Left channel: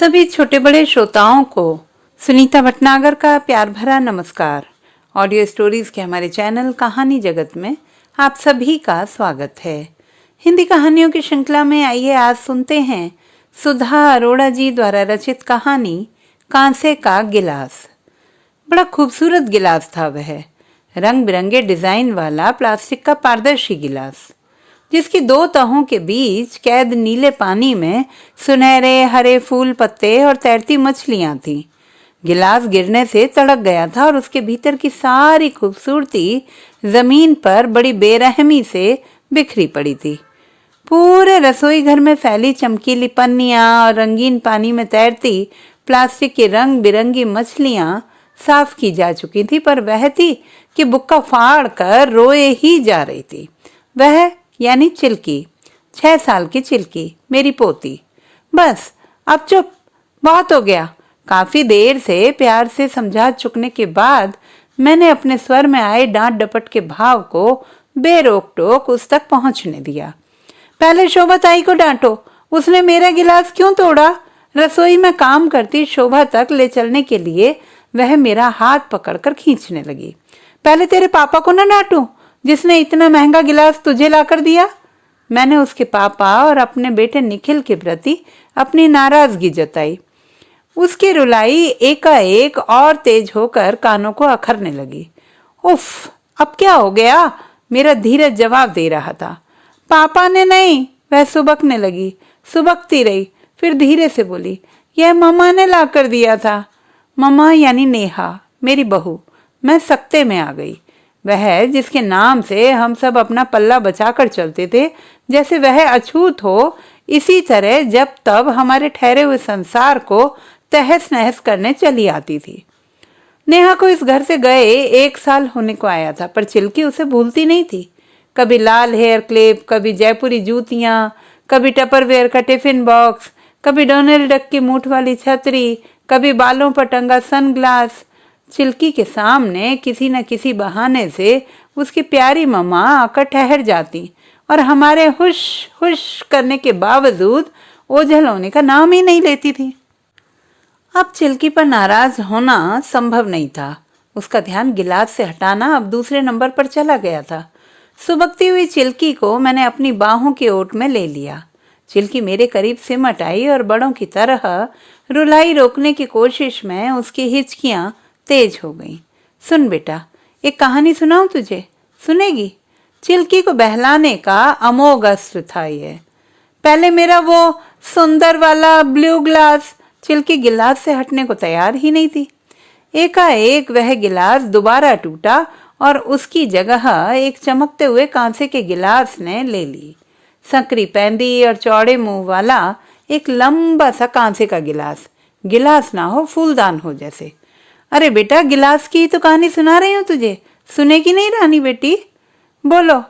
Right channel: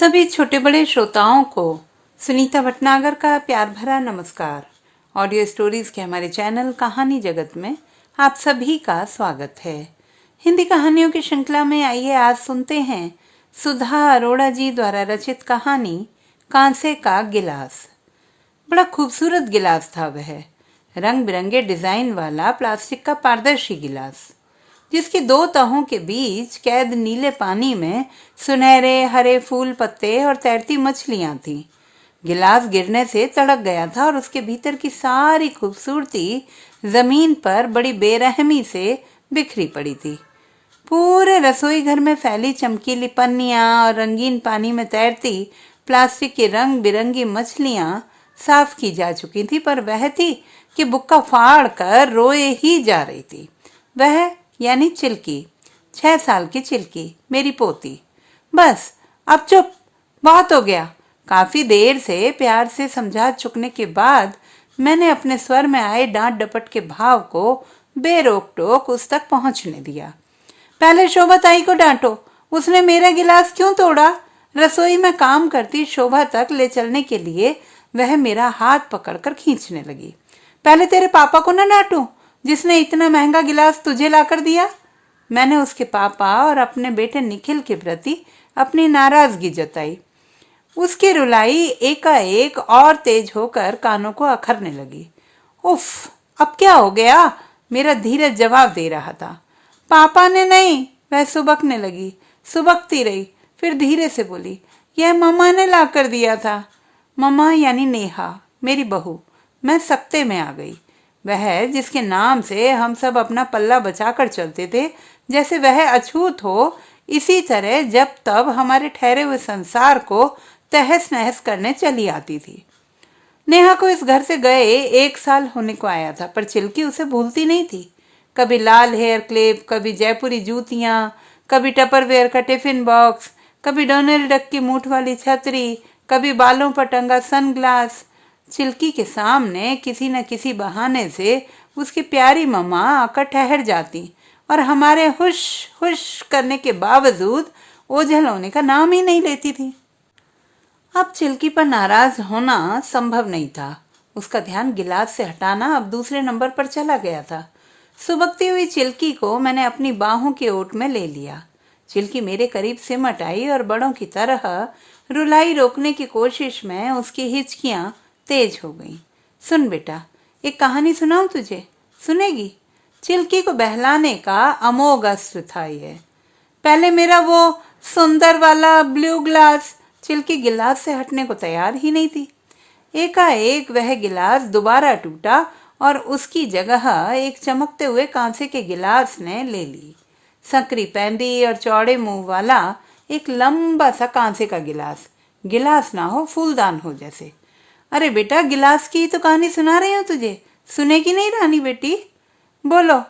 सभी छोटे बड़े श्रोताओं को सुनीता भटनागर का प्यार भरा नमस्कार। ऑडियो स्टोरीज के हमारे चैनल कहानी जगत में आप सभी का स्वागत है। हिंदी कहानियों की श्रृंखला में आइए आज सुनते हैं सुधा अरोड़ा जी द्वारा रचित कहानी कांसे का गिलास। बड़ा खूबसूरत गिलास था वह, रंग बिरंगे डिजाइन वाला प्लास्टिक का पारदर्शी गिलास, जिसकी दो तहों के बीच कैद नीले पानी में सुनहरे हरे फूल पत्ते और तैरती मछलियां थीं। गिलास गिरने से तड़क गया था और उसके भीतर की सारी खूबसूरती जमीन पर बड़ी बेरहमी से बिखरी पड़ी थी। पूरे रसोई घर में फैली चमकीली पन्नियां और रंगीन पानी में तैरती प्लास्टिक की रंग बिरंगी मछलियां साफ की जा चुकी थी, पर वह थी कि बुक्का फाड़ कर रोए ही जा रही थी। वह यानी चिल्की, 6 साल की चिल्की, मेरी पोती। बस अब चुप, बहुत हो गया। काफी देर से प्यार से समझा चुकने के बाद मैंने अपने स्वर में आए डांट डपट के भाव को बेरोक टोक उस तक पहुंचने दिया। पहले शोभा ताई को डांटो, उसने मेरा गिलास क्यों तोड़ा? रसोई में काम करती शोभा तक ले चलने के लिए वह मेरा हाथ पकड़कर खींचने लगी। पहले तेरे पापा को ना डांटूं, जिसने इतना महंगा गिलास तुझे लाकर दिया। मैंने उसके पापा और अपने बेटे निखिल के प्रति अपनी नाराजगी जताई। उसकी रुलाई एकाएक और तेज होकर कानों को अखरने लगी। उफ, अब क्या हो गया? मेरा धीरज जवाब दे रहा था। पापा ने नहीं, वह सुबकने लगी। सुबकती रही, फिर धीरे से बोली, यह मम्मा ने लाकर दिया था। मम्मा यानी नेहा, मेरी बहू। मैं सकते में आ गई। वह जिसके नाम से हम सब अपना पल्ला बचाकर चलते थे, जैसे वह अछूत हो, इसी तरह जब तब हमारे ठहरे हुए संसार को तहस नहस करने चली आती थी। नेहा को इस घर से गए 1 साल होने को आया था, पर चिल्की उसे भूलती नहीं थी। कभी लाल हेयर क्लिप, कभी जयपुरी जूतियां, कभी टपरवेयर का टिफिन बॉक्स, कभी डोनाल्ड डक की मूठ वाली छतरी, कभी बालों पर टंगा सनग्लास। चिल्की के सामने किसी न किसी बहाने से उसकी प्यारी मम्मा आकर ठहर जाती और हमारे हुश हुश करने के बावजूद ओझल होने का नाम ही नहीं लेती थी। अब चिल्की पर नाराज होना संभव नहीं था। उसका ध्यान गिलास से हटाना अब दूसरे नंबर पर चला गया था। सुबकती हुई चिल्की को मैंने अपनी बाहों की ओट में ले लिया। चिल्की मेरे करीब सिमट आई और बड़ों की तरह रुलाई रोकने की कोशिश में उसकी हिचकियां तेज हो गई। सुन बेटा, एक कहानी सुनाऊं तुझे? सुनेगी? चिल्की को बहलाने का अमोघ अस्त्र था ये। पहले मेरा वो सुंदर वाला ब्लू ग्लास। चिल्की गिलास से हटने को तैयार ही नहीं थी। एकाएक वह गिलास दोबारा टूटा और उसकी जगह एक चमकते हुए कांसे के गिलास ने ले ली। संकरी पैंदी और चौड़े मुंह वाला एक लंबा सा कांसे का गिलास। गिलास ना हो, फूलदान हो जैसे। अरे बेटा, गिलास की तो कहानी सुना रही हूँ तुझे, सुनेगी नहीं रानी बेटी? बोलो।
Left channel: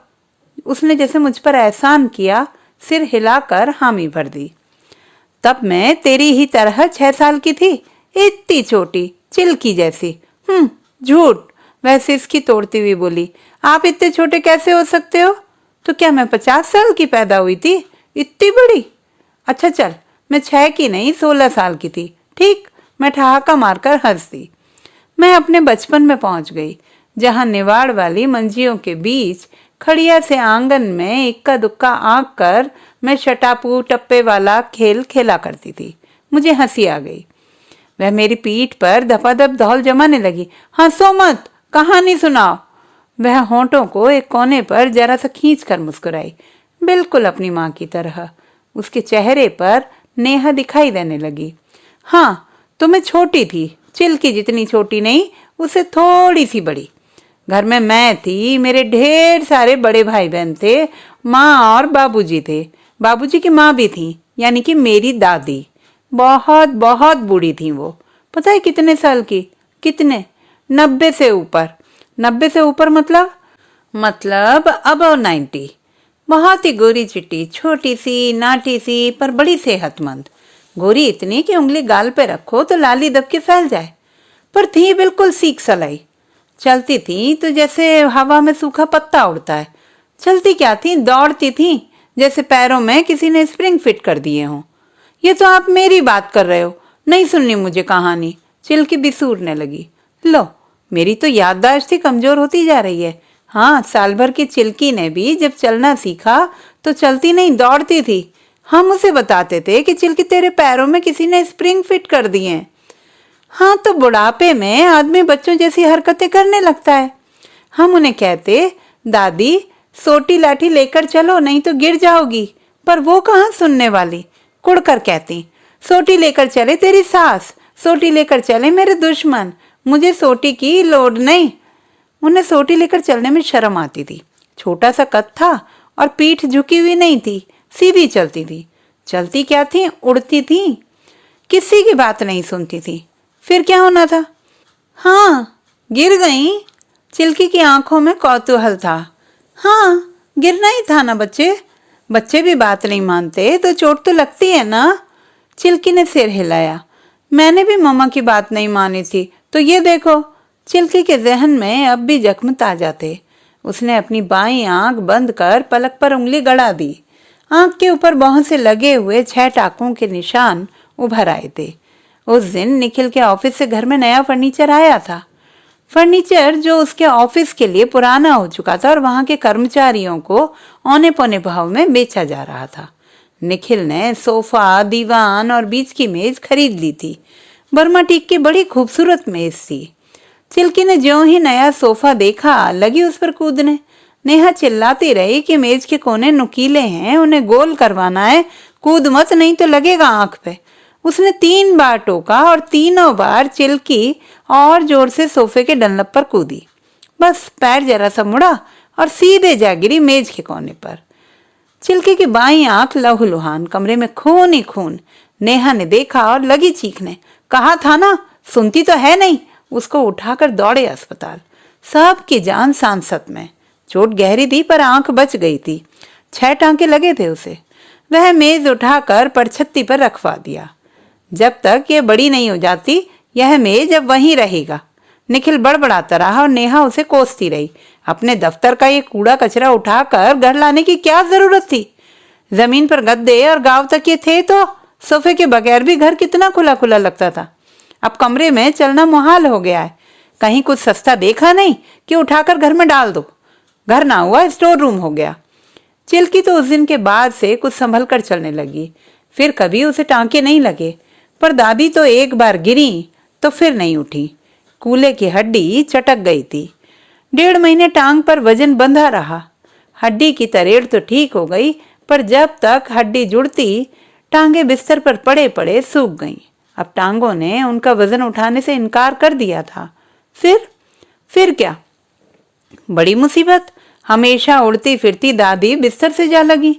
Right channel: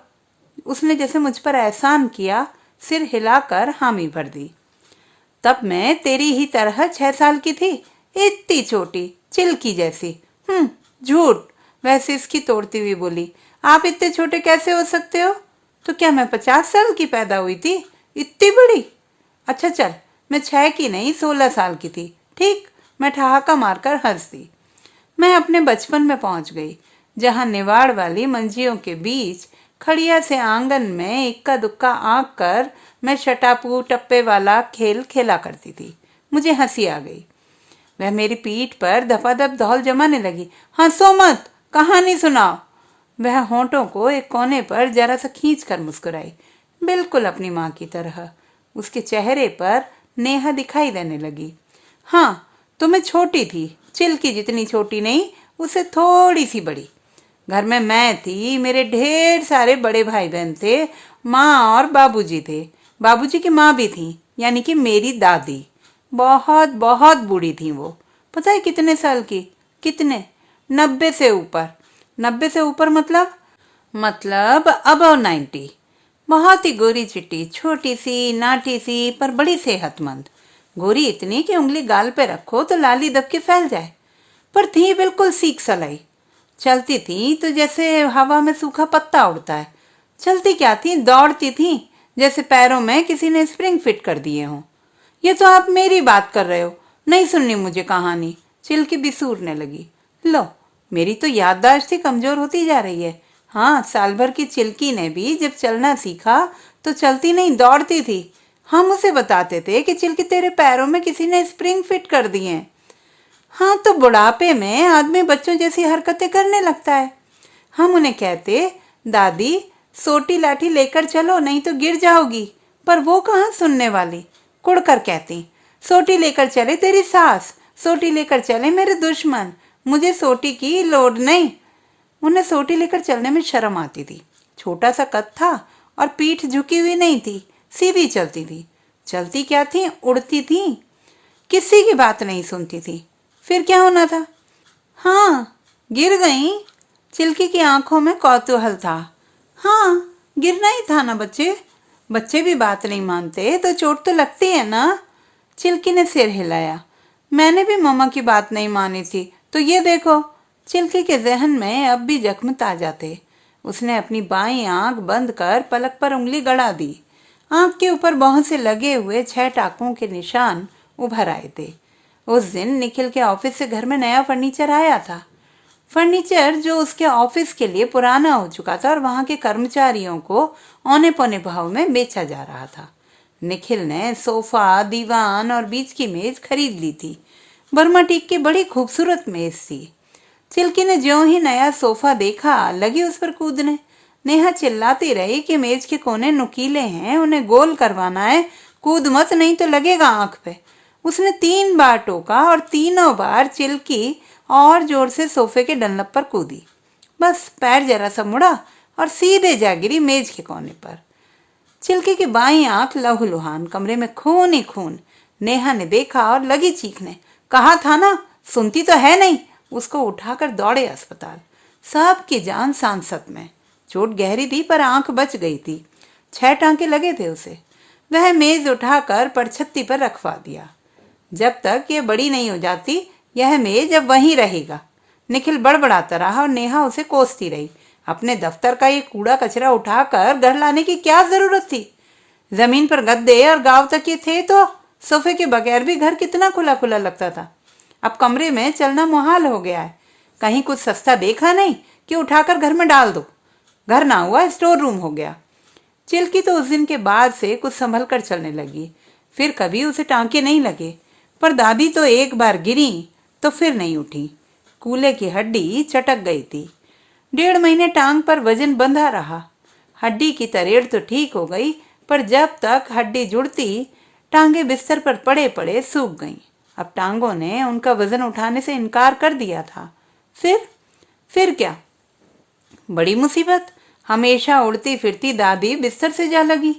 उसने जैसे मुझ पर एहसान किया, सिर हिलाकर हामी भर दी। तब मैं तेरी ही तरह 6 साल की थी, इतनी छोटी, चिल्की जैसी। झूठ, वैसे इसकी तोड़ती हुई बोली। आप इतने छोटे कैसे हो सकते हो? तो क्या मैं 50 साल की पैदा हुई थी? इतनी बड़ी? अच्छा चल, मैं 6 की नहीं 16 साल की थी। ठीक, मैं ठहाका मारकर हंस दी। मैं अपने बचपन में पहुंच गई, जहां निवाड़ वाली मंजियों के बीच खड़िया से आंगन में इक्का दुक्का आंक कर मैं शटापू टप्पे वाला खेल खेला करती थी। मुझे हंसी आ गई। वह मेरी पीठ पर धपाधप धौल जमाने लगी। हंसो मत, कहानी सुनाओ। वह होंठों को एक कोने पर जरा सा खींच कर मुस्कुराई, बिल्कुल अपनी माँ की तरह। उसके चेहरे पर नेहा दिखाई देने लगी। हाँ, तो मैं छोटी थी, चिल्की जितनी छोटी नहीं, उससे थोड़ी सी बड़ी। घर में मैं थी, मेरे ढेर सारे बड़े भाई बहन थे, माँ और बाबूजी थे। बाबूजी की माँ भी थी, यानी कि मेरी दादी। बहुत बहुत बूढ़ी थी वो। पता है कितने साल की? कितने? 90 से ऊपर। 90 से ऊपर मतलब अबव 90। बहुत ही गोरी चिट्टी, छोटी सी, नाटी सी, पर बड़ी सेहतमंद। गोरी इतनी कि उंगली गाल पे रखो तो लाली दब के फैल जाए, पर थी बिल्कुल सीख सलाई। चलती थी तो जैसे हवा में सूखा पत्ता उड़ता है। चलती क्या थी, दौड़ती थी जैसे पैरों में किसी ने स्प्रिंग फिट कर दिए हों। ये तो आप मेरी बात कर रहे हो, नहीं सुननी मुझे कहानी, चिल्की बिसूरने लगी। लो, मेरी तो याददाश्त ही कमजोर होती जा रही है। हाँ, साल भर की चिल्की ने भी जब चलना सीखा तो चलती नहीं दौड़ती थी। हम उसे बताते थे कि चिल्की तेरे पैरों में किसी ने स्प्रिंग फिट कर दिए हैं। हाँ, तो बुढ़ापे में आदमी बच्चों जैसी हरकतें करने लगता है। हम उन्हें कहते, दादी सोटी लाठी लेकर चलो नहीं तो गिर जाओगी, पर वो कहाँ सुनने वाली। कुड़कर कहती, सोटी लेकर चले तेरी सास, सोटी लेकर चले मेरे दुश्मन, मुझे सोटी की लोड नहीं। उन्हें सोटी लेकर चलने में शर्म आती थी। छोटा सा कद था और पीठ झुकी हुई नहीं थी, सीधी चलती थी। चलती क्या थी, उड़ती थी, किसी की बात नहीं सुनती थी। फिर क्या होना था? हाँ, गिर गई। चिल्की की आंखों में कौतूहल था। हाँ, गिरना ही था ना बच्चे, बच्चे भी बात नहीं मानते तो चोट तो लगती है ना। चिल्की ने सिर हिलाया। मैंने भी मम्मा की बात नहीं मानी थी, तो ये देखो। चिल्की के जहन में अब भी जख्म ताजा थे। उसने अपनी बाईं आंख बंद कर पलक पर उंगली गड़ा दी। आंख के ऊपर बहुत से लगे हुए 6 टाकों के निशान उभर आए थे। उस दिन निखिल के ऑफिस से घर में नया फर्नीचर आया था। फर्नीचर जो उसके ऑफिस के लिए पुराना हो चुका था और वहां के कर्मचारियों को औने पौने भाव में बेचा जा रहा था। निखिल ने सोफा, दीवान और बीच की मेज खरीद ली थी। बर्मा टीक की बड़ी खूबसूरत मेज थी। चिल्की ने ज्यों ही नया सोफा देखा, लगी उस पर कूदने। नेहा चिल्लाती रही कि मेज के कोने नुकीले हैं, उन्हें गोल करवाना है, कूद मत नहीं तो लगेगा आंख पे। उसने 3 बार टोका और तीनों बार चिल्की और जोर से सोफे के डंलप पर कूदी। बस पैर जरा सा मुड़ा और सीधे जा गिरी मेज के कोने पर। चिल्की की बाईं आंख लहूलुहान, कमरे में खून ही खून। नेहा ने देखा और लगी चीखने। कहा था ना, सुनती तो है नहीं। उसको उठाकर दौड़े अस्पताल। सबकी जान सांसत में। चोट गहरी थी पर आंख बच गई थी। 6 टांके लगे थे उसे। वह मेज उठाकर परछत्ती पर रखवा दिया। जब तक ये बड़ी नहीं हो जाती यह मेज अब वहीं रहेगा। निखिल बड़बड़ाता रहा और नेहा उसे कोसती रही। अपने दफ्तर का ये कूड़ा कचरा उठाकर घर लाने की क्या जरूरत थी? जमीन पर गद्दे और गांव तक ये थे तो सोफे के बगैर भी घर कितना खुला खुला लगता था। अब कमरे में चलना मुहाल हो गया है। कहीं कुछ सस्ता देखा नहीं कि उठाकर घर में डाल दो। घर ना हुआ स्टोर रूम हो गया। चिल्की तो उस दिन के बाद से कुछ संभल कर चलने लगी। फिर कभी उसे टांके नहीं लगे। पर दादी तो एक बार गिरी तो फिर नहीं उठी। कूल्हे की हड्डी चटक गई थी। 1.5 महीने टांग पर वजन बंधा रहा। हड्डी की तरेड़ तो ठीक हो गई, पर जब तक हड्डी जुड़ती टांगे बिस्तर पर पड़े पड़े सूख गईं। अब टांगों ने उनका वजन उठाने से इनकार कर दिया था। फिर क्या? बड़ी मुसीबत। हमेशा उड़ती फिरती दादी बिस्तर से जा लगी।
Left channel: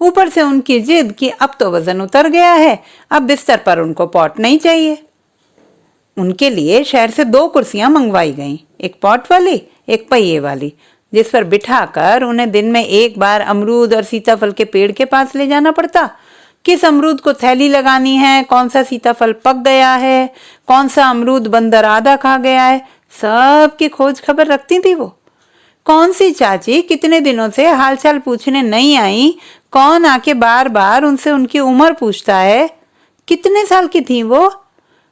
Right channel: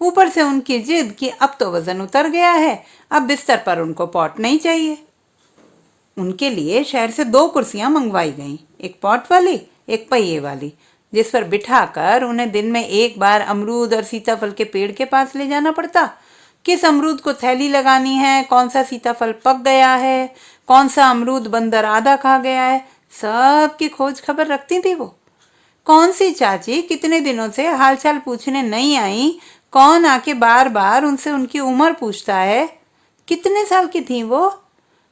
ऊपर से उनकी जिद कि अब तो वजन उतर गया है, अब बिस्तर पर उनको पॉट नहीं चाहिए। उनके लिए शहर से 2 कुर्सियां मंगवाई गईं, एक पॉट वाली, एक पहिए वाली, जिस पर बिठाकर उन्हें दिन में एक बार अमरूद और सीताफल के पेड़ के पास ले जाना पड़ता। किस अमरूद को थैली लगानी है, कौन सा सीताफल पक गया है, कौन सा अमरूद बंदर आधा खा गया है, सब की खोज खबर रखती थी वो। कौन सी चाची कितने दिनों से हालचाल पूछने नहीं आई, कौन आके बार बार उनसे उनकी उम्र पूछता है। कितने साल की थी वो?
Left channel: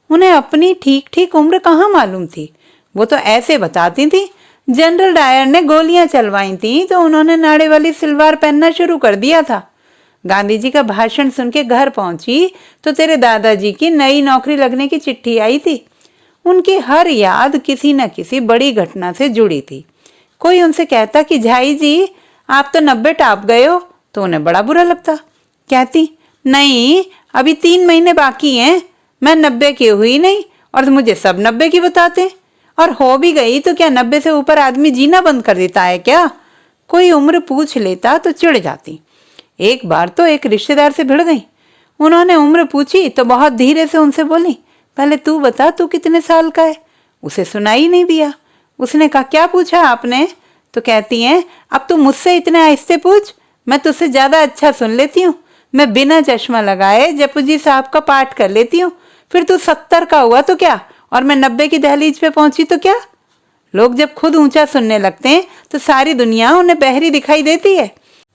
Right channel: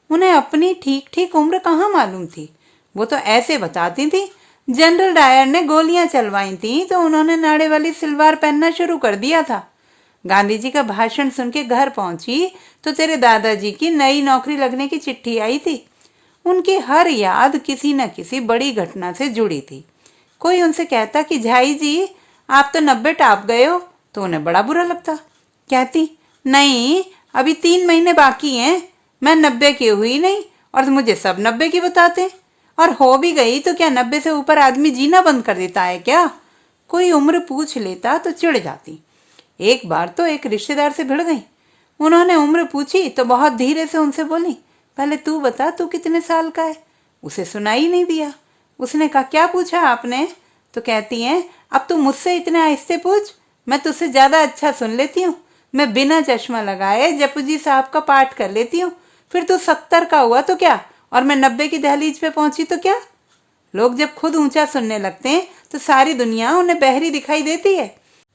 उन्हें अपनी ठीक ठीक उम्र कहाँ मालूम थी। वो तो ऐसे बताती थी, जनरल डायर ने गोलियां चलवाई थी तो उन्होंने नाड़े वाली सिलवार पहनना शुरू कर दिया था। गांधी जी का भाषण सुन के घर पहुंची तो तेरे दादाजी की नई नौकरी लगने की चिट्ठी आई थी। उनकी हर याद किसी न किसी बड़ी घटना से जुड़ी थी। कोई उनसे कहता कि झाई जी आप तो 90 टाप गए हो, तो उन्हें बड़ा बुरा लगता। कहती, नहीं अभी 3 महीने बाकी हैं, मैं 90 की हुई नहीं और मुझे सब 90 की बताते। और हो भी गई तो क्या 90 से ऊपर आदमी जीना बंद कर देता है क्या? कोई उम्र पूछ लेता तो चिढ़ जाती। एक बार तो एक रिश्तेदार से भिड़ गई। उन्होंने उम्र पूछी तो बहुत धीरे से उनसे बोली, पहले तू बता तू कितने साल का है। उसे सुनाई नहीं दिया। उसने कहा, क्या पूछा आपने? तो कहती हैं, अब तू मुझसे इतने आहिस्ते पूछ, मैं तुझसे ज्यादा अच्छा सुन लेती हूँ। मैं बिना चश्मा लगाए जपूजी साहब का पाठ कर लेती हूँ। फिर तू 70 का हुआ तो क्या, और मैं 90 की दहलीज पे पहुंची तो क्या? लोग जब खुद ऊंचा सुनने लगते हैं तो सारी दुनिया उन्हें बहरी दिखाई देती है।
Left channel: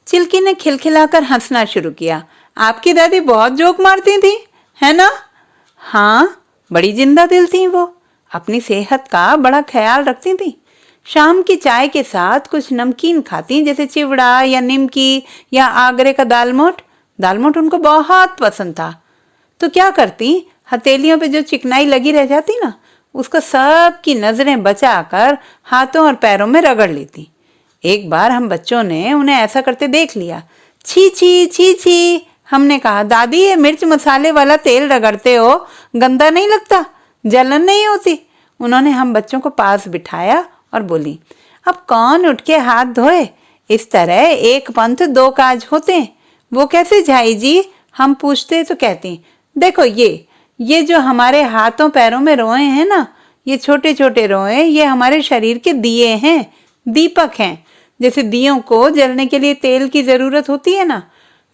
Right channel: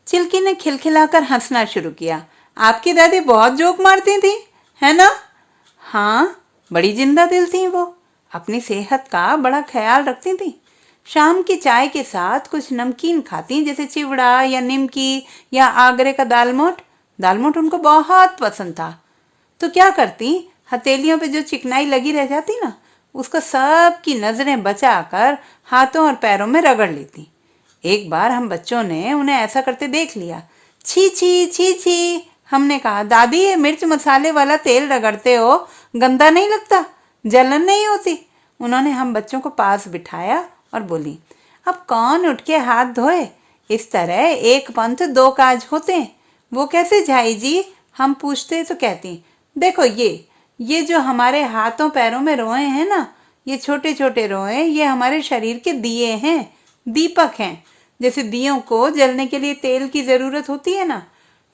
चिल्की ने खिलखिलाकर हंसना शुरू किया। आपकी दादी बहुत जोक मारती थी, है ना? हाँ, बड़ी जिंदा दिल थी वो। अपनी सेहत का बड़ा ख्याल रखती थी। शाम की चाय के साथ कुछ नमकीन खाती, जैसे चिवड़ा या निमकी या आगरे का दालमोट। दालमोट उनको बहुत पसंद था। तो क्या करती, हथेलियों पे जो चिकनाई लगी रह जाती ना, उसको सब की नजरें बचाकर हाथों और पैरों में रगड़ लेती। एक बार हम बच्चों ने उन्हें ऐसा करते देख लिया। छी छी छी छी, हमने कहा, दादी ये मिर्च मसाले वाला तेल रगड़ते हो, गंदा नहीं लगता? जलन नहीं होती? उन्होंने हम बच्चों को पास बिठाया और बोली, अब कौन उठ के हाथ धोए? इस तरह एक पंथ दो काज होते। वो कैसे झाई जी? हम पूछते तो कहती, देखो ये जो हमारे हाथों पैरों में रोए हैं ना, ये छोटे छोटे रोए, ये हमारे शरीर के दिए हैं, दीपक हैं। जैसे दियों को जलने के लिए तेल की जरूरत होती है ना,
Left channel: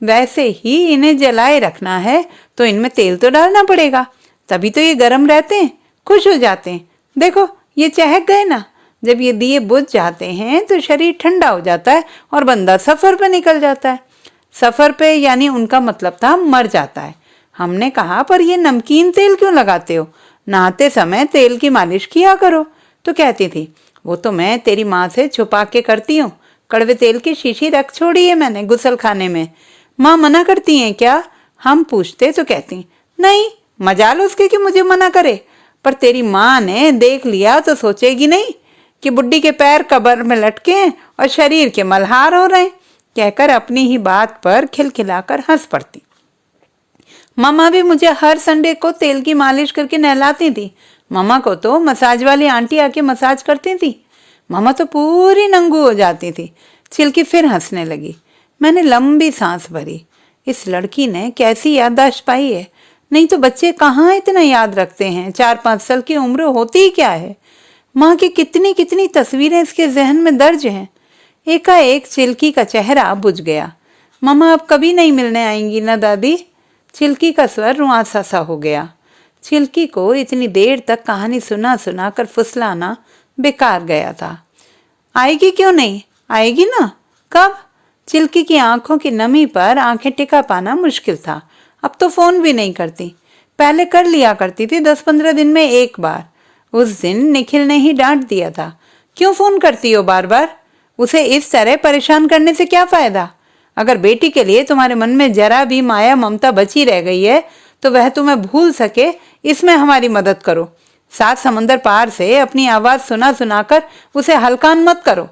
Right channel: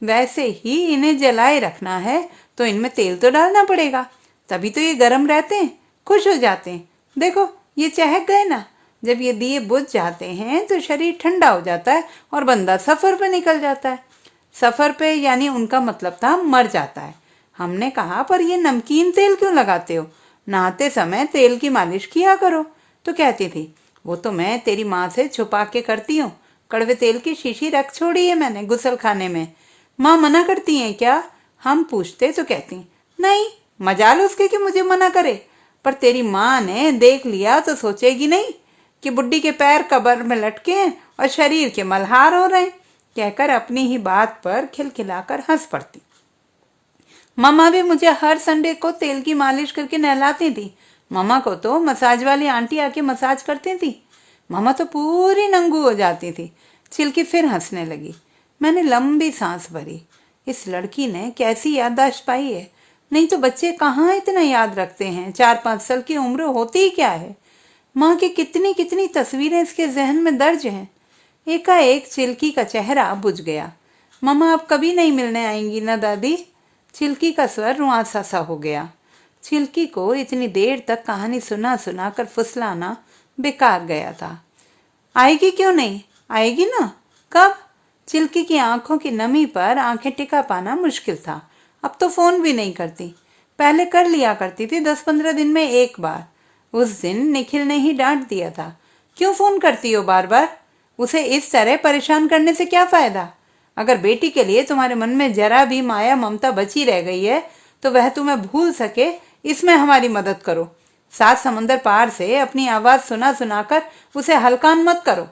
वैसे ही इन्हें जलाए रखना है तो इनमें तेल तो डालना पड़ेगा, तभी तो ये गर्म रहते हैं, खुश हो जाते हैं। देखो ये चहक गए ना। जब ये दिए बुझ जाते हैं तो शरीर ठंडा हो जाता है और बंदा सफर पे निकल जाता है। सफर पे यानी उनका मतलब था मर जाता है। हमने कहा, पर ये नमकीन तेल क्यों लगाते हो? नहाते समय तेल की मालिश किया करो। तो कहती थी, वो तो मैं तेरी माँ से छुपा के करती हूँ। कड़वे तेल की शीशी रख छोड़ी है मैंने गुसल खाने में। माँ मना करती हैं क्या? हम पूछते तो कहती, नहीं, मजाल उसके कि मुझे मना करे। पर तेरी माँ ने देख लिया तो सोचेगी नहीं कि बुड्ढी के पैर कब्र में लटके हैं और शरीर के मल्हार हो रहे हैं, कहकर अपनी ही बात पर खिलखिलाकर हंस पड़ती। मम्मा भी मुझे हर संडे को तेल की मालिश करके नहलाती थी। मम्मा को तो मसाज वाली आंटी आके मसाज करती थी। मम्मा तो पूरी नंगू हो जाती थी। चिल्की फिर हंसने लगी। मैंने लंबी सांस भरी। इस लड़की ने कैसी याददाश्त पाई है। नहीं तो बच्चे कहाँ इतना याद रखते हैं। 4-5 साल की उम्र होती ही क्या है। माँ की कितनी कितनी तस्वीरें इसके जहन में दर्ज हैं। एकाएक चिल्की का चेहरा बुझ गया। मम्मा अब कभी नहीं मिलने आएंगी ना दादी? चिल्की का स्वर रुआंसा सा हो गया। चिल्की को इतनी देर तक कहानी सुना सुना कर फुसलाना बेकार गया था। आएगी क्यों नहीं? आएगी ना। कब? चिल्की की आंखों की नमी पर आंखें टिका पाना मुश्किल था। अब तो फोन भी नहीं करती। पहले कर लिया करती थी 10-15 दिन में एक बार। उस दिन निखिल ने ही डांट दिया था, क्यों फोन करती हो बार बार? उसे इस तरह परेशान करने से क्या फायदा? अगर बेटी के लिए तुम्हारे मन में जरा भी माया ममता बची रह गई है तो वह तुम्हें भूल सके, इसमें हमारी मदद करो। 7 समंदर पार से अपनी आवाज सुना सुनाकर उसे हलकान मत करो।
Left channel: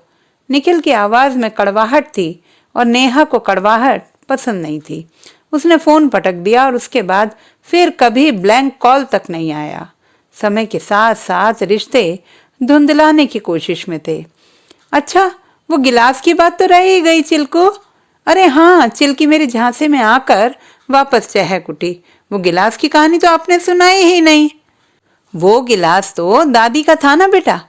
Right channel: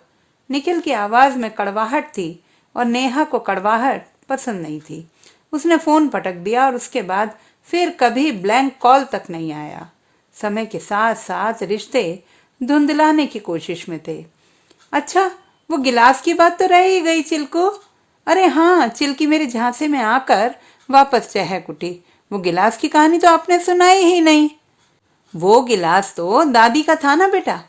निखिल की आवाज में कड़वाहट थी और नेहा को कड़वाहट पसंद नहीं थी। उसने फोन पटक दिया और उसके बाद फिर कभी ब्लैंक कॉल तक नहीं आया। समय के साथ साथ रिश्ते धुंधलाने की कोशिश में थे। अच्छा, वो गिलास की बात तो रह ही गई चिल्को। अरे हाँ, चिल्की मेरे झांसे में आकर वापस चहक उठी। वो गिलास की कहानी तो आपने सुनाई ही नहीं। वो गिलास तो दादी का था ना बेटा,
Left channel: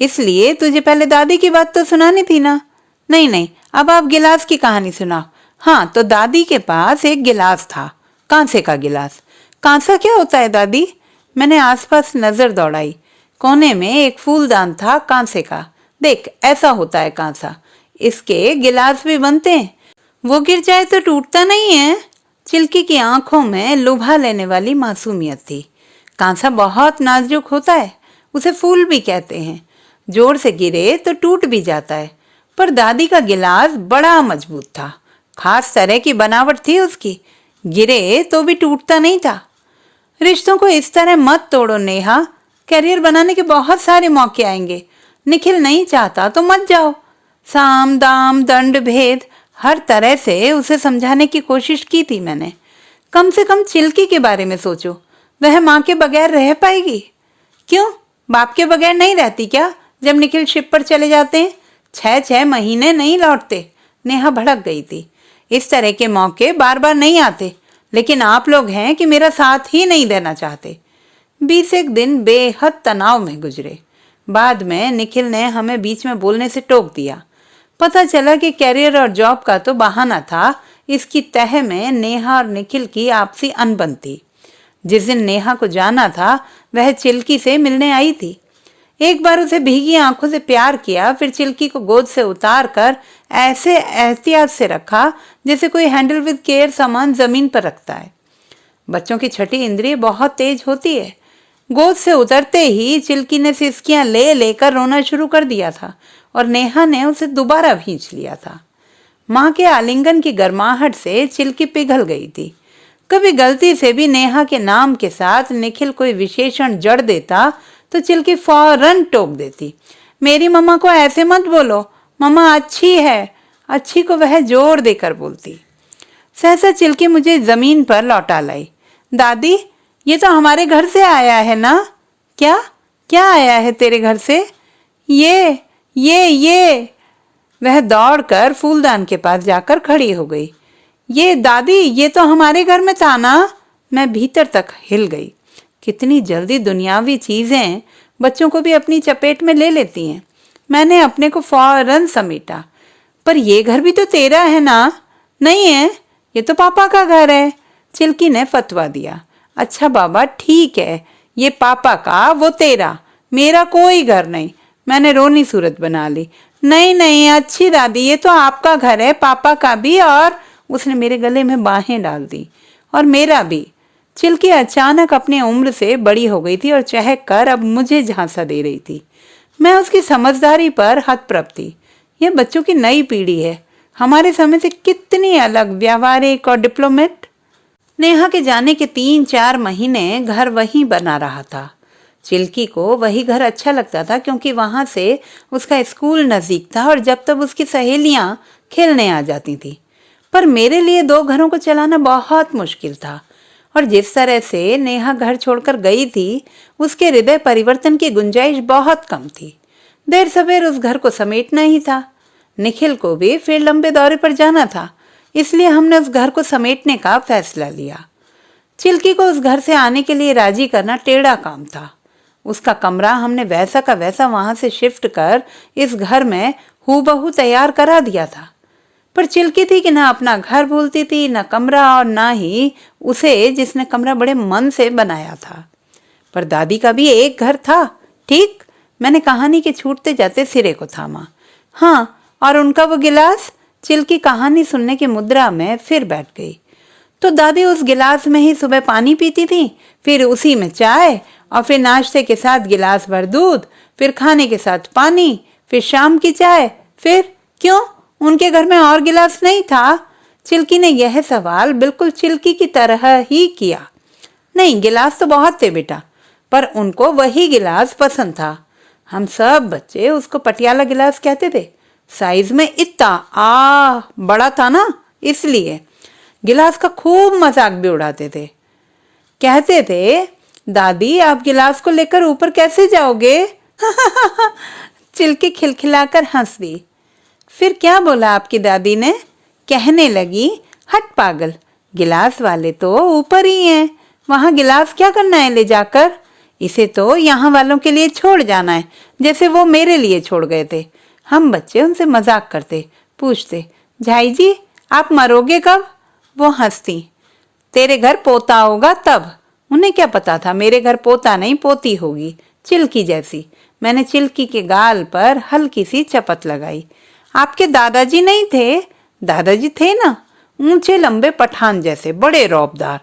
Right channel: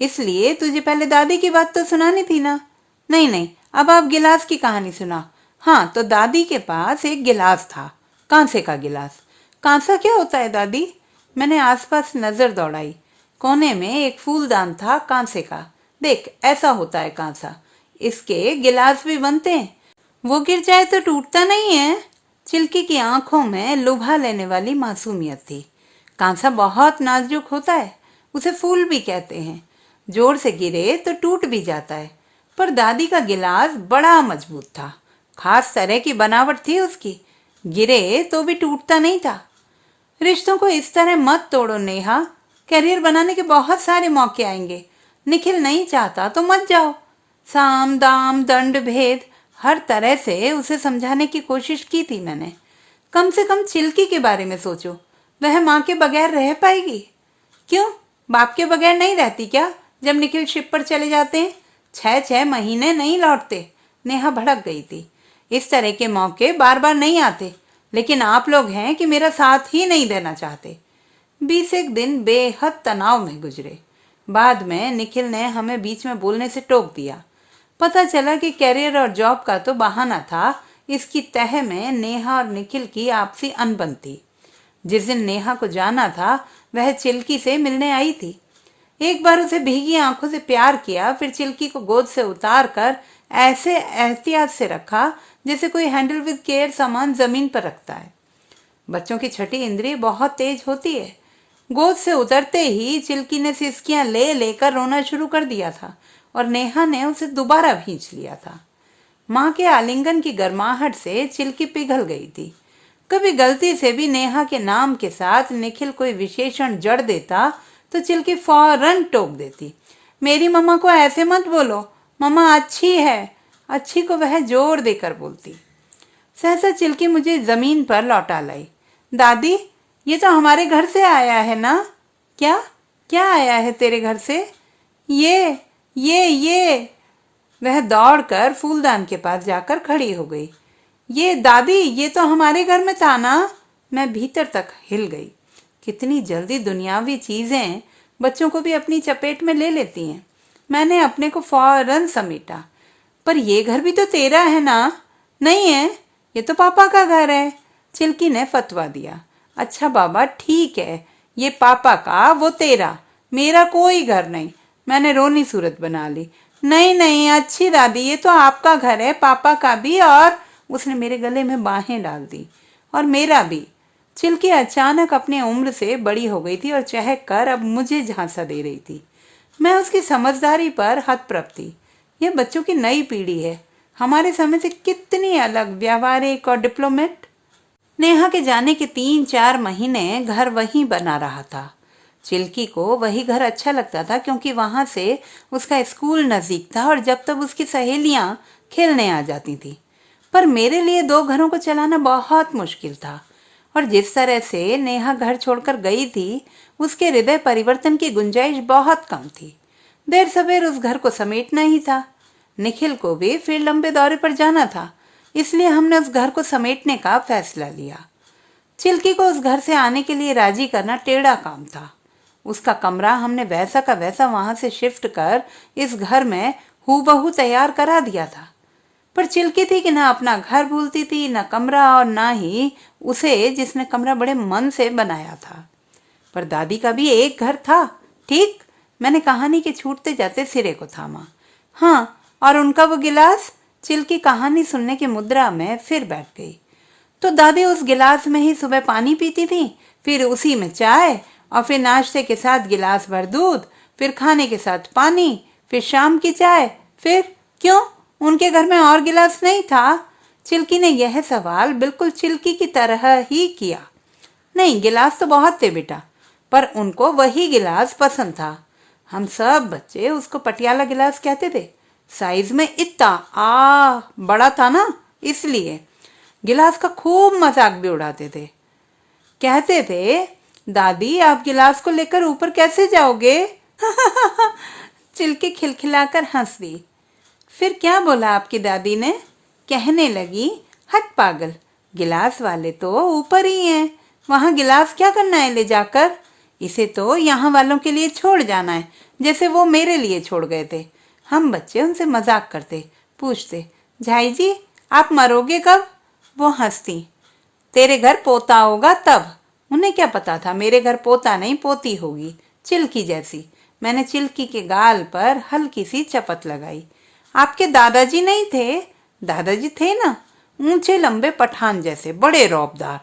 इसलिए तुझे पहले दादी की बात तो सुनानी थी ना। नहीं नहीं, अब आप गिलास की कहानी सुनाओ। हाँ, तो दादी के पास एक गिलास था, कांसे का गिलास। कांसा क्या होता है दादी? मैंने आसपास नजर दौड़ाई। कोने में एक फूलदान था कांसे का। देख, ऐसा होता है कांसा। इसके गिलास भी बनते हैं। वो गिर जाए तो टूटता नहीं है। चिल्की की आंखों में लुभा लेने वाली मासूमियत थी। कांसा बहुत नाजुक होता है, उसे फूल भी कहते हैं। जोर से गिरे तो टूट भी जाता है। पर दादी का गिलास बड़ा मजबूत था, खास तरह की बनावट थी उसकी। गिरे तो भी टूटता नहीं था। रिश्तों को इस तरह मत तोड़ो नेहा, करियर बनाने के बहुत सारे मौके आएंगे। निखिल नहीं चाहता तो मत जाओ। साम दाम दंड भेद हर तरह से उसे समझाने की कोशिश की थी मैंने। कम से कम चिल्की के बारे में सोचो, वह माँ के बगैर रह पाएगी? क्यों, बाप के बगैर नहीं रहती क्या? जब निखिल शिप पर चले जाते हैं 6-6 महीने नहीं लौटते। नेहा भड़क गई थी। इस तरह के मौके बार बार नहीं आते, लेकिन आप लोग हैं कि मेरा साथ ही नहीं देना चाहते। 20 दिन बेहद तनाव में गुजरे। बाद में निखिल ने हमें बीच में बोलने से टोक दिया। पता चला कि कैरियर और जॉब का तो बहाना था। इसकी तह में नेहा और निखिल की आपसी अनबन थी। जिस दिन नेहा को जाना था वह चिल्की से मिलने आई थी। एक बार उसे भीगी आंखों से प्यार किया, फिर चिल्की को गोद से उतार कर ऐसे एहतियात से रखा जैसे कोई हैंडल विद केयर सामान जमीन पर रखता है। बच्चों की छठी इंद्रिय बहुत तेज होती है। गोद से उतरते ही चिल्की ने सिसकियां ले लेकर रोना शुरू कर दिया था और नेहा ने उसे दोबारा भींच लिया था। माँ के आलिंगन की गर्माहट से चिल्की पिघल गई थी। कभी गलती से भी नेहा के नाम के साथ निखिल कोई विशेषण जड़ देता तो चिल्की फौरन टोक देती, मेरी मम्मा को ऐसे मत बोलो, मम्मा अच्छी है। अच्छी को वह जोर देकर बोलती। सहसा चिल्की मुझे जमीन पर लौटा लाई। दादी, ये तो हमारे घर से आया है ना? क्या क्या आया है तेरे घर से? ये वह दौड़कर फूलदान के पास जाकर खड़ी हो गई। ये दादी, ये तो हमारे घर में था ना? मैं भीतर तक हिल गई। कितनी जल्दी दुनियावी चीजें बच्चों को भी अपनी चपेट में ले लेती हैं। मैंने अपने को फौरन समेटा। पर ये घर भी तो तेरा है ना? नहीं है, ये तो पापा का घर है। चिल्की ने फतवा दिया। अच्छा बाबा ठीक है, ये पापा का वो तेरा, मेरा कोई घर नहीं। मैंने रोनी सूरत बना ली। नहीं नहीं अच्छी दादी, ये तो आपका घर है, पापा का भी। और उसने मेरे गले में बाहें डाल दी। और मेरा भी। चिल्की अचानक अपनी उम्र से बड़ी हो गई थी और चहक कर अब मुझे झांसा दे रही थी। मैं उसकी समझदारी पर हतप्रभ थी। यह बच्चों की नई पीढ़ी है, हमारे समय से कितनी अलग, व्यावहारिक और डिप्लोमेट। नेहा के जाने के 3-4 महीने घर वहीं बना रहा था। चिल्की को वही घर अच्छा लगता था क्योंकि वहां से उसका स्कूल नजदीक था और जब तक उसकी सहेलियां खेलने आ जाती थी। पर मेरे लिए 2 घरों को चलाना बहुत मुश्किल था और जिस तरह से नेहा घर छोड़कर गई थी उसके हृदय परिवर्तन की गुंजाइश बहुत कम थी। देर सवेर उस घर को समेटना ही था। निखिल को भी फिर लंबे दौरे पर जाना था, इसलिए हमने उस घर को समेटने का फैसला लिया। चिल्की को उस घर से आने के लिए राजी करना टेढ़ा काम था। उसका कमरा हमने वैसा का वैसा वहां से शिफ्ट कर इस घर में हूबहू तैयार करा दिया था। पर चिल्की थी कि ना अपना घर भूलती थी, न कमरा, और ना ही उसे जिसने कमरा बड़े मन से बनाया था। पर दादी का भी एक घर था, ठीक? मैंने कहानी के छूटते जाते सिरे को थामा। हाँ, और उनका वो गिलास? चिल्की कहानी सुनने की मुद्रा में फिर बैठ गई। तो दादी उस गिलास में ही सुबह पानी पीती थी, फिर उसी में चाय, और फिर नाश्ते के साथ गिलास भर दूध, फिर खाने के साथ पानी, फिर शाम की चाय। फिर क्यों, उनके घर में और गिलास नहीं था? चिल्की ने यह सवाल बिल्कुल चिल्की की तरह ही किया। नहीं, गिलास तो बहुत थे बेटा, पर उनको वही गिलास पसंद था। हम सब बच्चे उसको पटियाला गिलास कहते थे। साइज में इतना बड़ा था ना, इसलिए गिलास का खूब मजाक भी उड़ाते थे। कहते थे, दादी आप गिलास को लेकर ऊपर कैसे जाओगे? चिल्की खिलखिलाकर हंस दी। फिर क्या बोला आपकी दादी ने? कहने लगी, हट पागल, गिलास वाले तो ऊपर ही हैं, वहां गिलास क्या करना है ले जाकर? इसे तो यहाँ वालों के लिए छोड़ जाना है, जैसे वो मेरे लिए छोड़ गए थे। हम बच्चे उनसे मजाक करते, पूछते, झाई जी आप मरोगे कब? वो हंसती, तेरे घर पोता होगा तब। उन्हें क्या पता था मेरे घर पोता नहीं पोती होगी, चिल्की जैसी। मैंने चिल्की के गाल पर हल्की सी चपत लगाई। आपके दादाजी नहीं थे? दादाजी थे ना, ऊंचे लंबे पठान जैसे, बड़े रौबदार,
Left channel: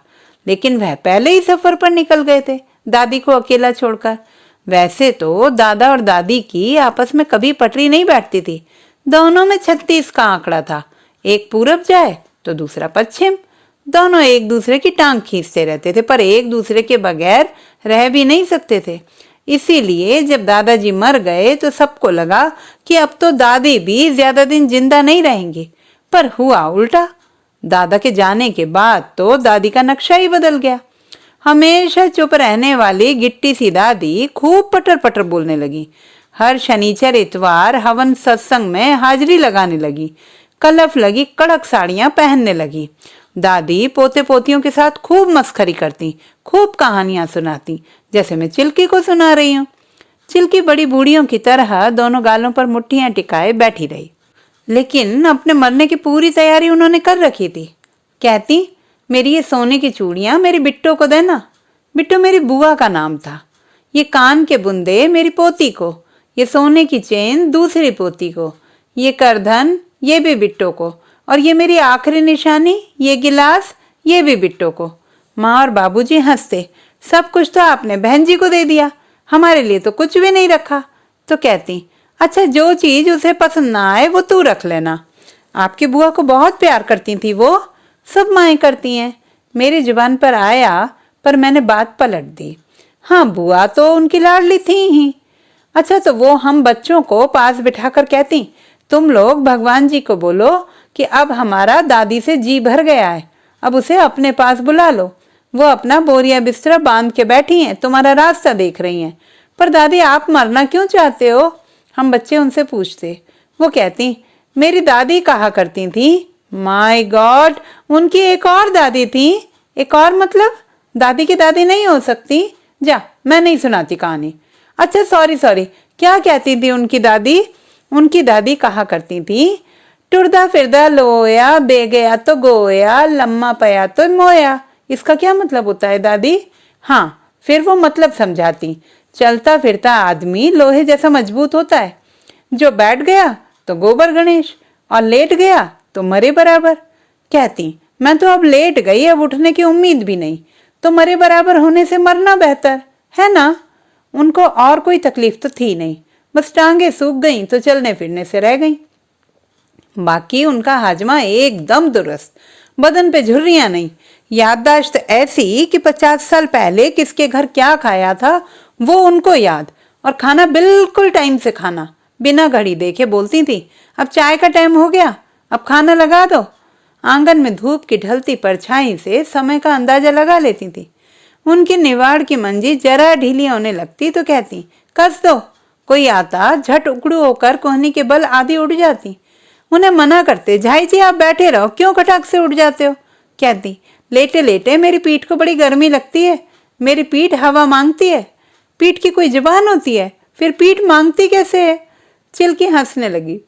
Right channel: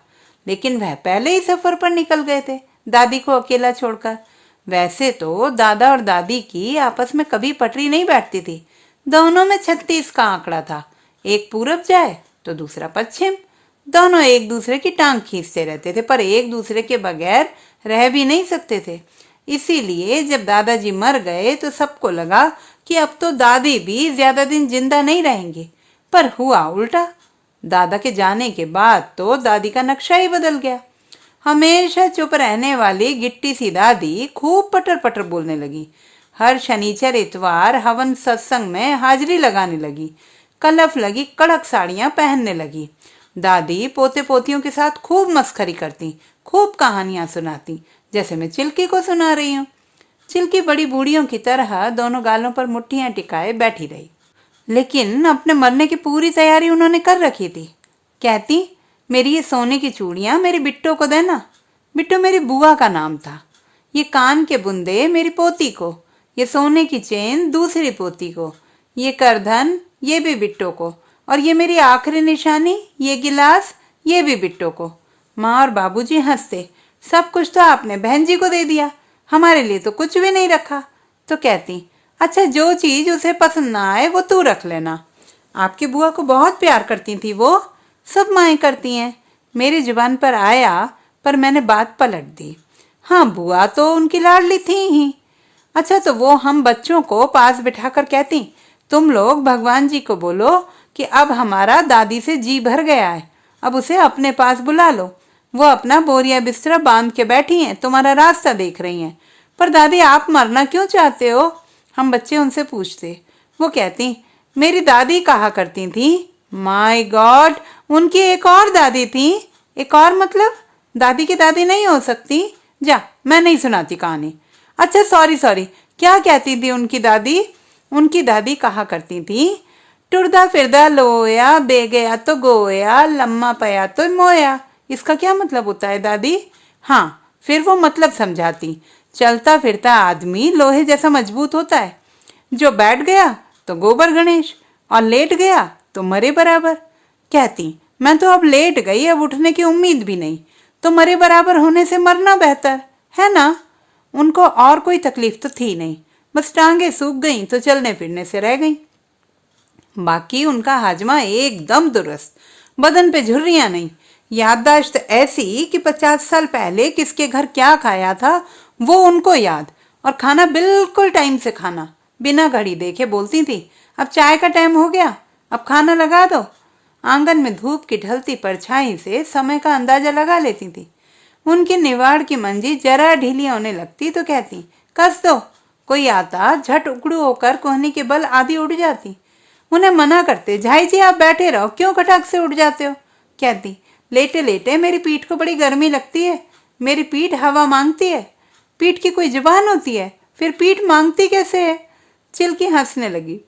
लेकिन वह पहले ही सफर पर निकल गए थे दादी को अकेला छोड़कर। वैसे तो दादा और दादी की आपस में कभी पटरी नहीं बैठती थी। दोनों में 36 का आंकड़ा था, एक पूरब जाए तो दूसरा पश्चिम। दोनों एक दूसरे की टांग खींचते रहते थे, पर एक दूसरे के बगैर रह भी नहीं सकते थे। इसीलिए जब दादाजी मर गए तो सबको लगा कि अब तो दादी भी ज्यादा दिन जिंदा नहीं रहेंगी, पर हुआ उल्टा। दादा के जाने के बाद तो दादी का नक्शा ही बदल गया। हमेशा चुप रहने वाली गिट्टी सी दादी खूब पटर पटर बोलने लगी। हर शनिचर इतवार हवन सत्संग में हाजिरी लगाने लगी। कलफ लगी कड़क साड़ियां पहनने लगी। दादी पोते पोतियों के साथ खूब मस्खरी करती, खूब कहानियां सुनाती, जैसे मैं चिल्की को सुना रही हूँ। चिल्की बड़ी बूढ़ियों की तरह दोनों गालों पर मुट्ठियां टिकाए बैठी रही, लेकिन अपने मरने की पूरी तैयारी उन्होंने कर रखी थी। कहती, मेरी ये सोने की चूड़ियां मेरी बिट्टो को देना। बिट्टो मेरी बुआ का नाम था। ये कान के बुंदे मेरी पोती को, ये सोने की चेन दूसरी पोती को, ये करधन ये भी बिट्टो को, और ये मेरी आखिरी निशानी, ये गिलास, ये भी बिट्टो को। माँ और बाबूजी हंसते, सब कुछ तो आपने बहन जी को दे दिया, हमारे लिए तो कुछ भी नहीं रखा। तो कहती, अच्छा जो चीज उसे पसंद ना आए वो तू रख लेना। आपकी बुआ को बहुत प्यार करती थी वो, सब माएँ करती हैं। मेरी जुबान पर आया पर मैंने बात पलट दी। हाँ, बुआ तो उनकी लाडली थी ही। अच्छा, तो वो हम बच्चों को पास बिठाकर कहती, तुम लोग भगवान जी को बोलो कि अब हमारा दादी से जी भर गया है, अब उसे अपने पास बुला लो। वो अपना बोरिया बिस्तरा बांध के बैठी हैं, तुम्हारा रास्ता देख रही हैं। पर दादी आप मरना क्यों चाहते हो? हम बच्चे उनसे पूछते। वो कहती, मेरी दादी कहा करती थी। माय गॉड, उनकी एक और दादी थी। एक और मतलब? दादी की दादी नहीं हो सकती। जा, मैं नहीं सुनाती कहानी। अच्छा सॉरी, क्या कहती थी उनकी दादी? उनकी दादी कहा करती थी, टुरदा फिरदा लोया, बे गया तो गोया, लम्मा पया तो मोया। इसका क्या मतलब होता है दादी? हाँ, फिर वो मतलब समझाती। चलता फिरता आदमी लोहे जैसा मजबूत होता है, जो बैठ गया तो गोबर गणेश, और लेट गया तो मरे बराबर। कहती, मैं तो अब लेट गई, अब उठने की उम्मीद भी नहीं, तो मरे बराबर होने से मरना बेहतर है ना। उनको और कोई तकलीफ तो थी नहीं, बस टांगे सूख गई तो चलने फिरने से रह गई। बाकी उनका हाजमा एकदम दुरुस्त, बदन पे झुर्रियां नहीं, याददाश्त ऐसी कि 50 साल पहले किसके घर क्या खाया था वो उनको याद, और खाना बिल्कुल टाइम से खाना, बिना घड़ी देखे बोलती थी, अब चाय का टाइम हो गया, अब खाना लगा दो। आंगन में धूप की ढलती परछाई से समय का अंदाजा लगा लेती थी। उनकी निवाड़ की मंजी जरा ढीली होने लगती तो कहती, कस दो। कोई आता, झट उकड़ू होकर कोहनी के बल आधी उड़ जाती। उन्हें मना करते, झाई जी आप बैठे रहो, क्यों खटाक से उठ जाते हो? कहती, लेटे लेटे मेरी पीठ को बड़ी गर्मी लगती है, मेरी पीठ हवा मांगती है। पीठ की कोई जुबान होती है, फिर पीठ मांगती कैसे है? चिल्की हंसने लगी,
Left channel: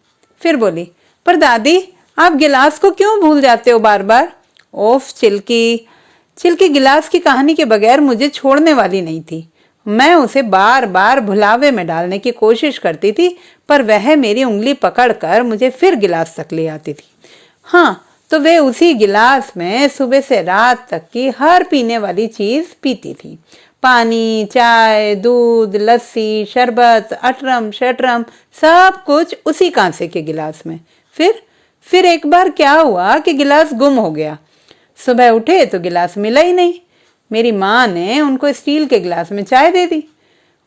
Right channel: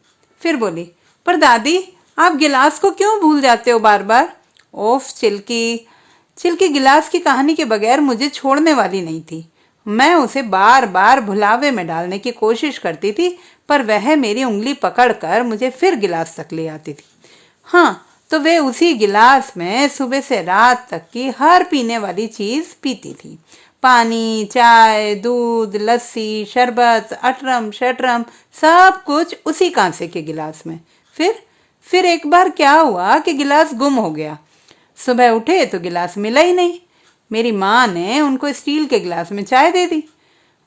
फिर बोली, पर दादी आप गिलास को क्यों भूल जाते हो बार बार? ओफ चिल्की, चिल्की गिलास की कहानी के बगैर मुझे छोड़ने वाली नहीं थी। मैं उसे बार बार भुलावे में डालने की कोशिश करती थी, पर वह मेरी उंगली पकड़कर मुझे फिर गिलास तक ले आती थी। हाँ, तो वे उसी गिलास में सुबह से रात तक की हर पीने वाली चीज पीती थी। पानी, चाय, दूध, लस्सी, शरबत, अटरम शटरम, सब कुछ उसी कांसे के गिलास में। फिर एक बार क्या हुआ कि गिलास गुम हो गया। सुबह उठे तो गिलास मिला ही नहीं। मेरी माँ ने उनको स्टील के गिलास में चाय दे दी।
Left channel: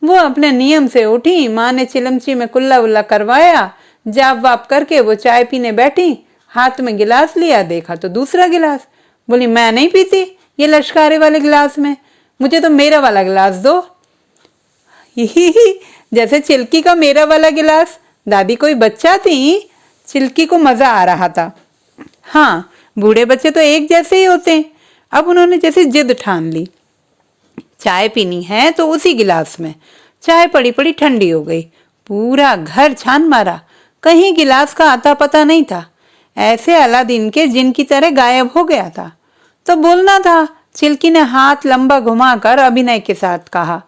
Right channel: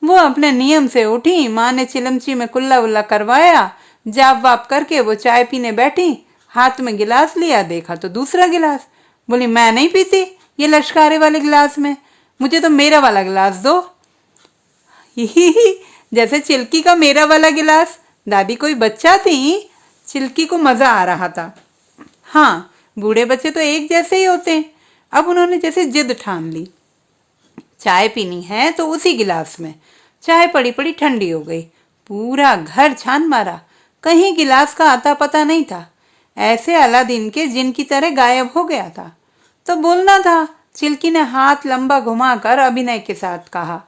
वो अपने नियम से उठी, माँ ने चिलमची में कुल्ला उल्ला करवाया, जाप वाप करके वो चाय पीने बैठी, हाथ में गिलास लिया, देखा तो दूसरा गिलास। बोली, मैं नहीं पीती ये लश्कारे वाले गिलास में, मुझे तो मेरा वाला गिलास दो। जैसे चिल्की का मेरा वाला गिलास। दादी कोई बच्चा थी, चिल्की को मजा आ रहा था। हाँ, बूढ़े बच्चे तो एक जैसे ही होते हैं। अब उन्होंने जैसे जिद ठान ली, चाय पीनी है तो उसी गिलास में। चाय पड़ी पड़ी ठंडी हो गई। पूरा घर छान मारा, कहीं गिलास का आता पता नहीं था। ऐसे अलादीन के जिन की तरह गायब हो गया था। तो बोलना था। चिल्की ने हाथ लंबा घुमाकर अभिनय के साथ कहा,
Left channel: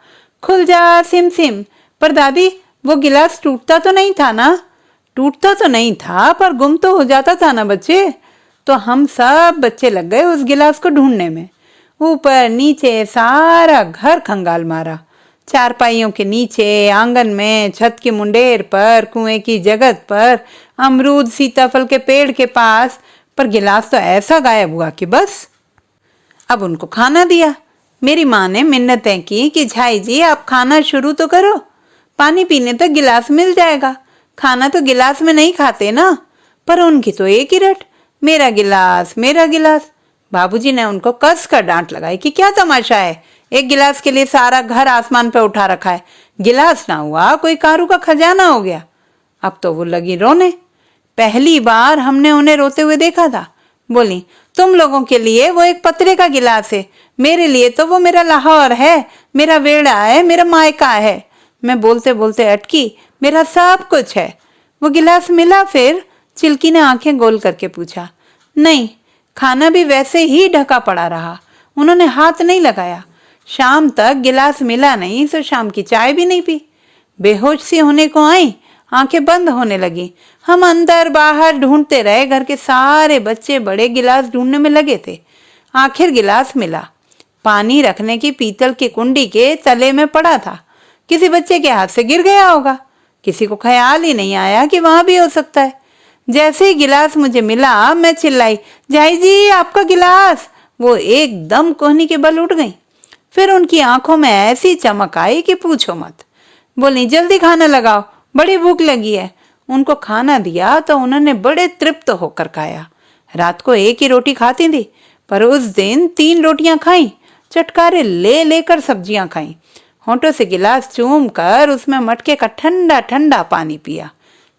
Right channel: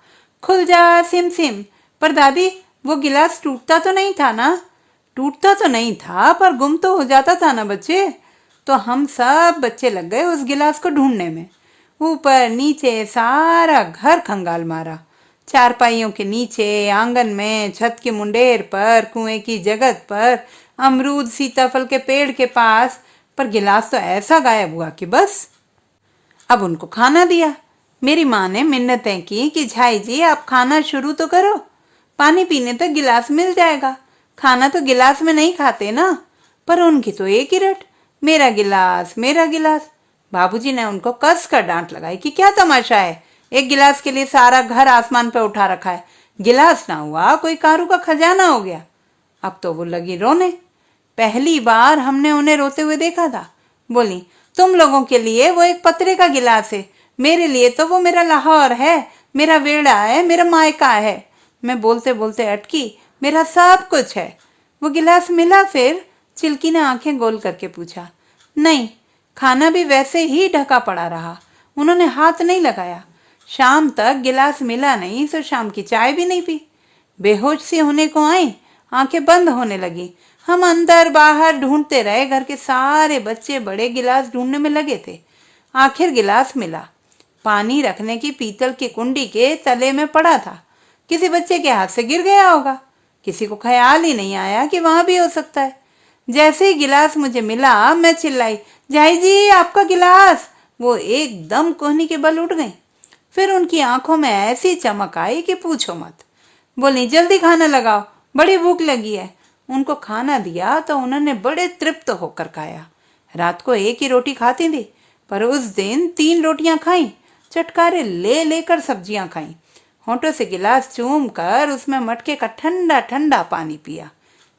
खुल जा सिम सिम। पर दादी वो गिलास टूटता तो नहीं था ना? टूटता तो नहीं था, पर गुम तो हो जाता था ना बच्चे। तो हम सब बच्चे लग गए उस गिलास को ढूंढने में। ऊपर नीचे सारा घर खंगाल मारा, चारपाइयों के नीचे, आंगन में, छत की मुंडेर पर, कुएं की जगत पर, अमरूद सीताफल के पेड़ के पास, पर गिलास तो ऐसा गायब हुआ कि बस। अब उनको खाना दिया। मेरी माँ ने मिन्नतें की कि झाई जी आप खाना शुरू तो करो, पानी पीने तक गिलास मिल जाएगा, खाना तो गिलास में नहीं खाते ना। पर उनकी तो एक ही रट, मेरा गिलास मेरा गिलास। बाबूजी ने उनको कस कर डांट लगाई कि क्या तमाशा है, एक गिलास के लिए सारा घर आसमान पे उठा रखा है, गिलास ना हुआ कोई कारू का खजाना हो गया। अब तो वो लगी रोने। पहली बार हमने उन्हें रोते हुए देखा था। बोली, तुम लोगों के लिए वो एक पतरे का गिलास है, मेरे लिए तो वो मेरा लाहौर है, मेरा वेड़ा है, मेरा मायका है। मैं बोलते बोलते अटकी, मेरा सब कुछ है। वो गिलास मिला फिर? चिल्की ने आंखें गोल करके पूछा। नहीं, खाना भी वैसे ही ढका पड़ा रहा, उन्होंने हाथ नहीं लगाया। शाम तक गिलास मिला नहीं, तो शाम की चाय भी नहीं पी। बेहोश सी होने को आई, आंखें बंद होने लगी, हम अंदर बाहर ढूंढते रहे। घर के सारे बच्चे बड़े गिलास ढूंढने में लगे थे। आखिर गिलास मिला। पानी रखने की पीतल की कुंडी के तले में पड़ा था। किसी बच्चे के हाथ से गिर गया होगा। किसी को ख्याल ही नहीं आया कि वहां भी हो सकता है। जैसे ही गिलास मुझे मिला, मैं चिल्लाई, झाई जी आपका गिलास। वो एकदम कोहनी के बल उठ गई। फिर उनकी आंखों में ऐसी चमक आई कि पूछो मत। बोली, जल्दी खाना लगाओ, बड़ी भूख लगी है। उनको खाना दिया तो उन्होंने बड़े तृप्त होकर खाया। रात को एक ही रोटी खाती थी, पर उस दिन 3 रोटियां खाई। चटकारे ले लेकर सब्जियां खाई। होंठों से गिलास चूम कर उसमें मटके का ठंडा ठंडा पानी पिया।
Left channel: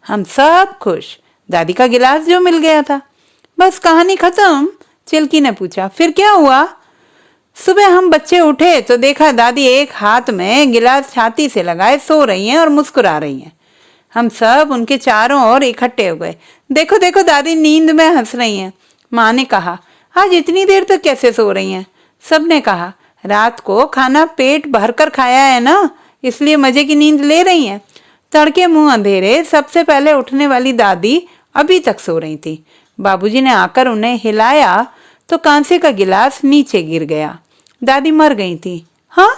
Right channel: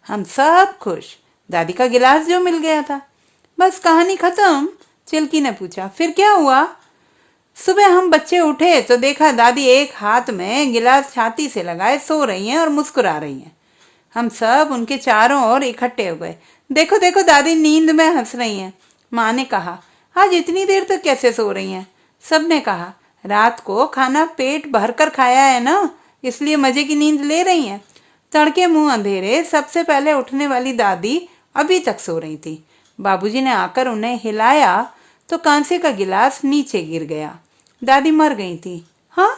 हम सब खुश। दादी का गिलास जो मिल गया था। बस कहानी खत्म। चिल्की ने पूछा, फिर क्या हुआ? सुबह हम बच्चे उठे तो देखा दादी एक हाथ में गिलास छाती से लगाए सो रही हैं और मुस्कुरा रही हैं। हम सब उनके चारों ओर इकट्ठे हो गए। देखो देखो, दादी नींद में हंस रही हैं। माँ ने कहा, आज इतनी देर तक कैसे सो रही हैं? सबने कहा, रात को खाना पेट भरकर खाया है ना, इसलिए मजे की नींद ले रही हैं। तड़के मुंह अंधेरे सबसे पहले उठने वाली दादी अभी तक सो रही थी। बाबूजी ने आकर उन्हें हिलाया तो कांसे का गिलास नीचे गिर गया। दादी मर गई थी। हाँ?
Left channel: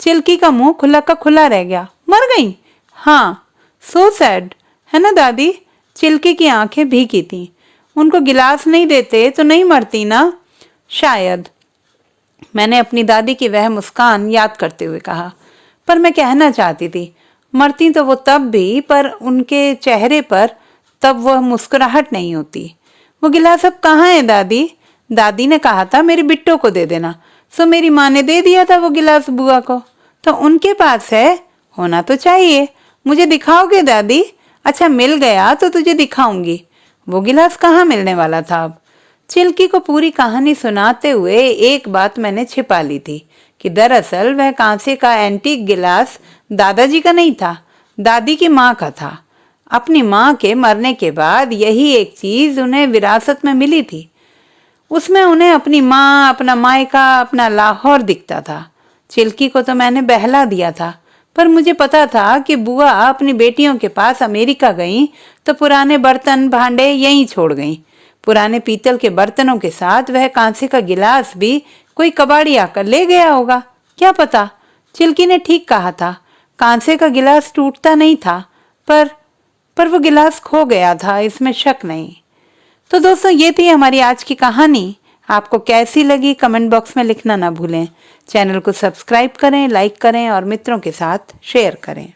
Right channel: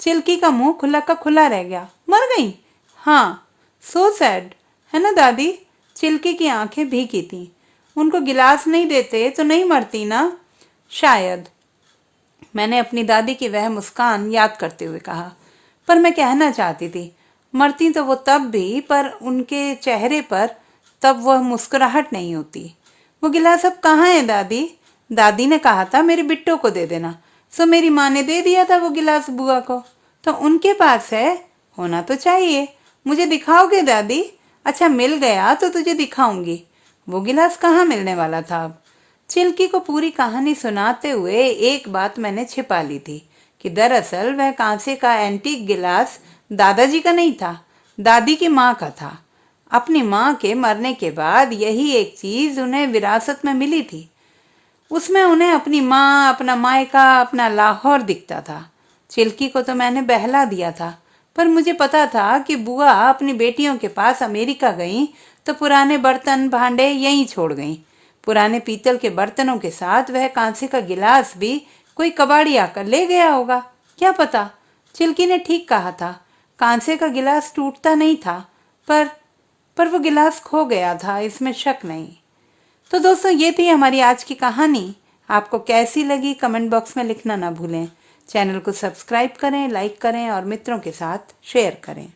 चिल्की का मुंह खुला का खुला रह गया। मर गई? हाँ। सो सैड, है ना दादी? चिल्की की आंखें भीगी थी। उनको गिलास नहीं देते तो नहीं मरती ना? शायद, मैंने अपनी दादी की वह मुस्कान याद करते हुए कहा। पर मैं कहना चाहती थी, मरती तो वो तब भी, पर उनके चेहरे पर तब वह मुस्कुराहट नहीं होती। वो गिलास अब कहाँ है दादी? दादी ने कहा था मेरी बिट्टो को दे देना, सो मेरी माँ ने दे दिया था वो गिलास बुआ को। तो उनके पास है, होना तो चाहिए। मुझे दिखाओगे दादी? अच्छा, मिल गया तो तुझे दिखाऊंगी। वो गिलास कहाँ मिलने वाला था अब? चिल्की को पूरी कहानी सुनाते हुए एक बात मैंने छिपा ली थी कि दरअसल वह कांसे का एंटीक गिलास दादाजी का नहीं था, दादी की माँ का था। अपनी माँ के मरने के बाद यही एक चीज उन्हें विरासत में मिली थी। उसमें उन्हें अपनी माँ, अपना मायका, अपना लाहौर दिखता था। चिल्की को तो मैंने बहला दिया था, पर मुझे पता था कि बुआ अपनी बेटियों के पास अमेरिका गई तो पुराने बर्तन भांडे यहीं छोड़ गईं। पुराने पीतल के बर्तनों के साथ वह कांसे का गिलास भी कोई कबाड़ी आकर ले गया होगा। क्या पता? चिल्की ने ठीक कहा था, कांसे का गिलास टूटता नहीं था, पर वो गिलास खो गया था, इसमें शक नहीं। तो दोस्तों, ये थी हमारी आज की कहानी। आपको कैसी लगी कमेंट बॉक्स में लिखना ना भूलें। चैनल को सब्सक्राइब करें, लाइक करें और मित्रों के साथ शेयर करें।